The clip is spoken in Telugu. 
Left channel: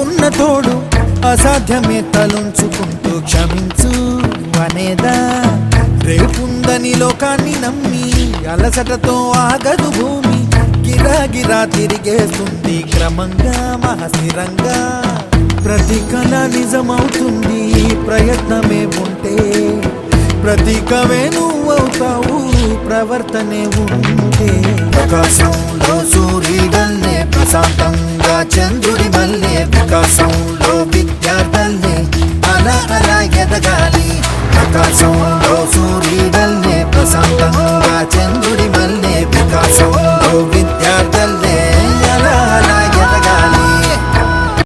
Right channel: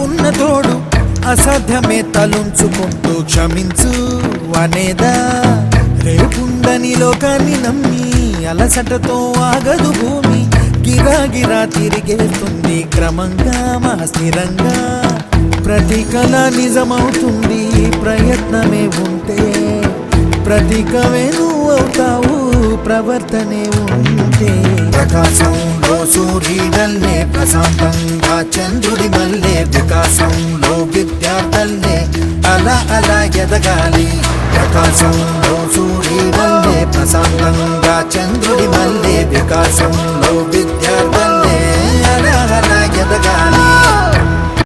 నీకున్న తోడు అసాధ్యమే తలుంచుకుంటూ క్షమించు అనేదా రేపుందని లోకాన్ని నమ్మి అలసటతో ఆగదు భూమి గిరాగిరా తిరిగేస్తుంది క్రమంగా మహస్థిరంగా ప్రతి కళ నిజమవుతుంది ప్రయత్నమే ఉంటే ప్రతీకమే నువ్వు అవుతావు ప్రవర్తనే ఉంటే ప్రకాశంలో సూర్యుడి వల్లే ప్రశాంతంగా చంద్రుడి వల్లే